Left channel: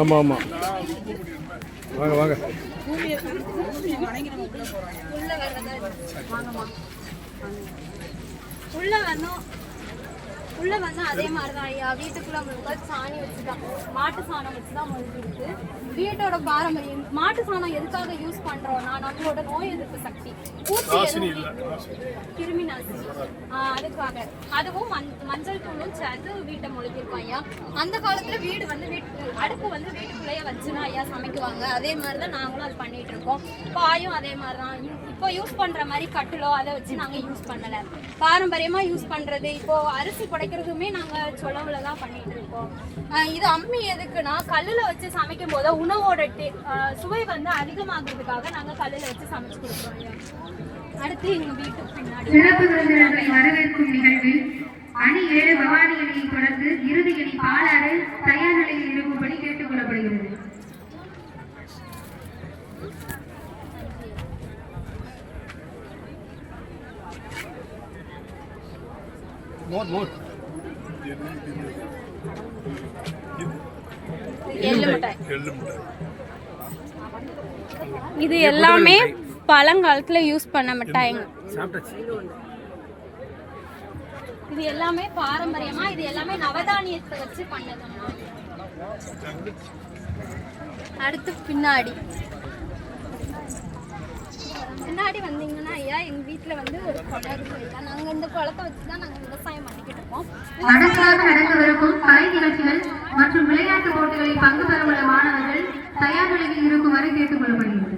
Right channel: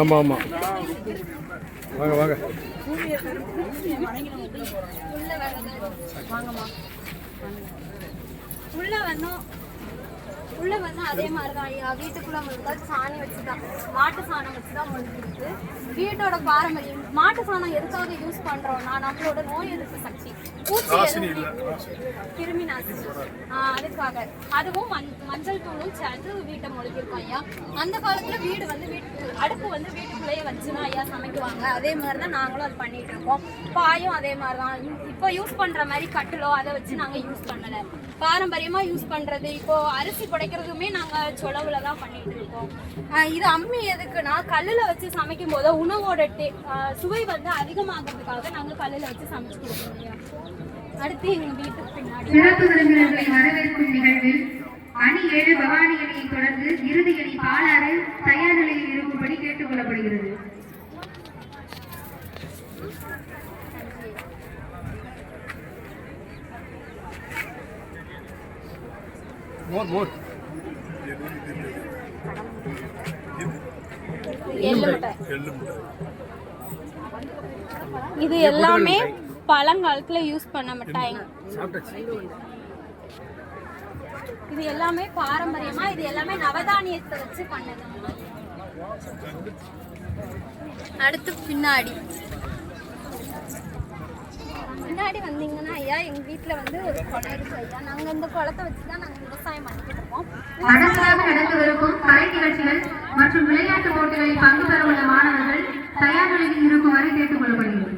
ஆமாம் ஆமாம். வாங்க வாங்க. உள்ள வந்து அதே மாதிரி தான் ஐயா. வீட்டுக்குள்ள முழுக்க சாணி வச்சுதான், மாட்டு சாணம் வச்சுதான் முழுக்கிருக்கு. வீட்டோட பாரம்பரியம். மாட்டு சாணம் எதுக்காக யூஸ் பண்றோம்னா நம்மளோட நோய் எதிர்ப்பு சக்தி, கிருமி நாசினி, அதுக்காக. அதுவும் மஞ்சள் தூளும் சேர்ந்து வீட்டை முழுக்கிருக்கோம் ஐயா. அந்த காலத்துல வீடு வந்து அடுப்பு வந்து வீட்டுக்குள்ளேயே வச்சுதான் ஐயா சமைக்குவாங்க. அதே மாதிரிதான் நாங்களும் அது பண்ணிட்டு இருக்கோம். பாயும் அதே மாதிரிதான். இப்போ யூஸ் பண்ற மாதிரி கட்டிலோ அதை வச்சு நாங்க யூஸ் பண்ணல. பாரம்பரியமா யூஸ் பண்றது. இப்போ அரிசி புடைக்கிறதுமே நாங்க சொலவுல தான் பண்ணிட்டு இருக்கோம். இது அம்மி எதுக்குன்னா கல்லுல வச்சு சமைக்கும் போது உணவோட சுவை வந்து அதிகமாகிறதுக்காக நாங்க கல்லுல வச்சு சமைச்சு கொடுக்குறோம். அடுத்து எங்க வீட்டுக்கு பின்னாடி சிறப்பு விருந்தினர்களை வரவேற்கும் நிகழ்வில் அணி 7 பவானி அணியை தொடர்ந்து இறுதி அணி பாலாறு தயார் நிலையில் இருக்கும்படி கேட்டுக் கொள்ளப்படுகிறது. இது எல்லாமே பழங்காலத்துல யூஸ் பண்ண மிட்டாய்ங்க. இது எல்லாமே பாரம்பரியமா, இது எல்லாமே நவதானியத்தை வச்சு பண்ணதம்மா. அடுத்து பின்னாடி வந்தீங்கன்னா ஐயா, எங்க வீட்டுல வந்து ஒரு குளம் இருக்கு ஐயா. நாங்க இந்த குளத்தை வச்சுதான் நாங்க விவசாயம் பண்ணிக்கிட்டு இருக்கோம். நடக்கவிருக்கும் கலை நிகழ்ச்சிகள் மற்றும் விளையாட்டு போட்டிகளில் பங்கு பெற உள்ள மாணவர்கள் தயார் நிலையில் இருக்குமாறு கேட்டுக் கொள்ளப்படுகிறது.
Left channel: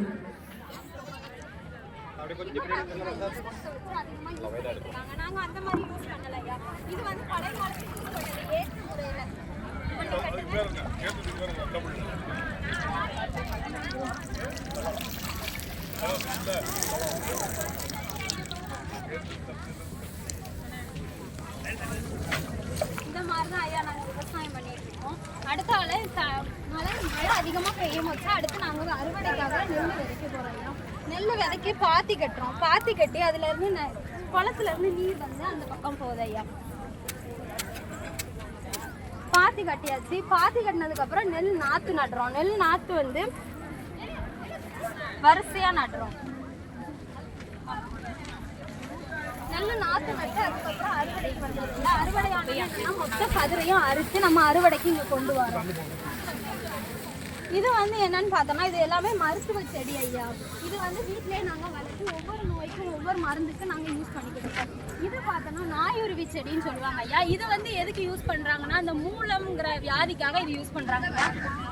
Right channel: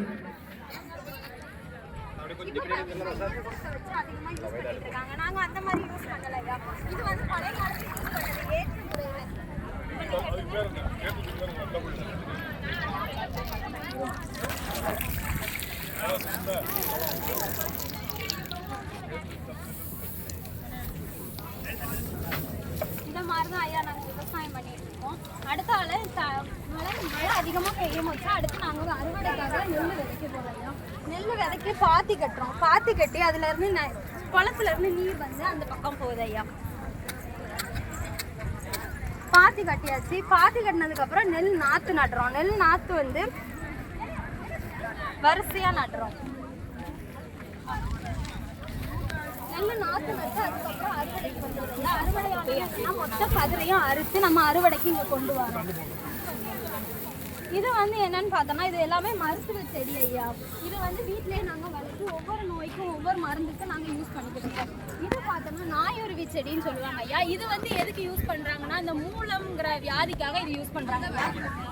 நாங்க அந்த மாதிரி யூஸ் பண்ணல ஐயா. இது வந்து பழைய காலத்துல யூஸ் பண்ணது ஏற்று முறையில. இந்த மாதிரிதான் ஐயா நாங்க விவசாயம் பண்ணிட்டு இருக்கோம். அடுத்த மழை அதிகமா பெய்யும் போது அடுத்து நாங்க அறுவடைக்காக நெல் விதைக்க போறோம் ஐயா. நெல் விதைக்க பாத்தி கட்டுறோம். பாத்தி கட்டி அதுல இருந்து குளத்துல இருந்து நீர் வந்து அந்த பக்கம் போகுது ஐயா. பாத்தி கட்டியாச்சு. பாத்தி கட்டினதுக்கு அப்புறம் நெல் நாத்து நடுறோம். நெல் நாத்து வந்து வரிசையா நடுறோம். நல்ல நாத்து நட்டு அதுக்கப்புறம் அறுவடைக்கு வந்துடும்ல. அறுவடை ஆனதுன்னா மொத்த கதிரையும் அரிச்சு நம்ம அறுவடைக்கு இங்க கொண்டு வரோம். இது வந்து என்னன்னு பார்த்தோம்னா இது எல்லாமே மருத்துவ செடி ஐயா. இது வந்து வீட்டிலேயே நாங்கள் வளர்த்து ஒவ்வொரு நோய்க்கும் ஒவ்வொரு மருந்துக்கும் நாங்கள் யூஸ் பண்ணிக்கிட்டு இருக்கோம். இது பார்த்தோம்னா நாயுருவி செடின்னு சொல்லுவாங்க ஐயா. இது வந்து எதுக்கு யூஸ் பண்ணுறாங்கன்னா இந்த மூலம்ங்கிற வியாதிக்காக இது யூஸ் பண்ணுறாங்க.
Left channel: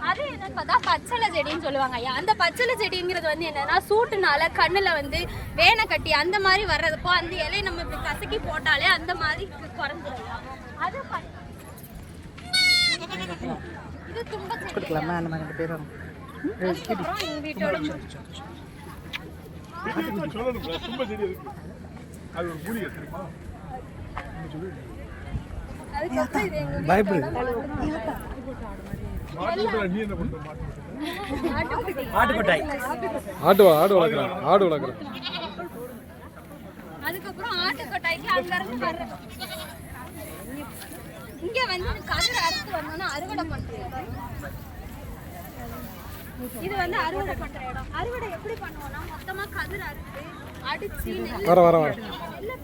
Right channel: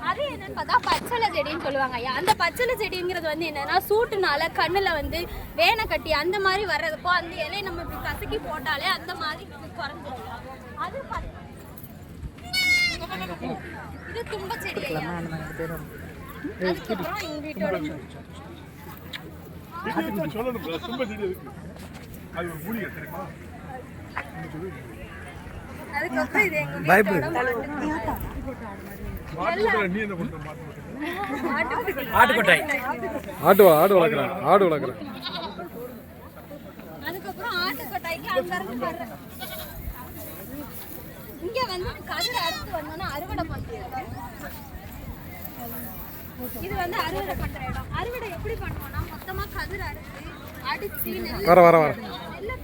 அது என்னன்னு பார்த்தா பச்சளை செடின்னு சொல்லுவாங்க ஐயா. அந்த பச்சளை செடிங்கிறது வந்து என்னன்னா சூட்டுனால கண்ணில் வந்து வேனை கட்டி அந்த மாதிரி வர்றதுப்போ அந்த இலையை நம்ம இப்படி கசக்கி போட்டாலே அந்த மாதிரி குறைஞ்சிடும் ஐயா. அது இது தும்ப செடி. அதுக்கப்புறம் எங்க வீட்டோட அதுக்கப்புறம் இது எங்க ஆடு வளர்க்குறேன். அதுக்கப்புறம் ஆட்டுக்கொட்டாய்க்கு அங்க இருந்து வர்ற இங்க வந்து கதிர் அறுத்து வந்தோம்னா அறுவடை பண்றது. இது வந்து அறுவடை பண்ற இடம். அறுவடை எப்படி பண்ணுவோம்னா மொத்தமா கதிர் அறுத்து அடிச்சு நெல்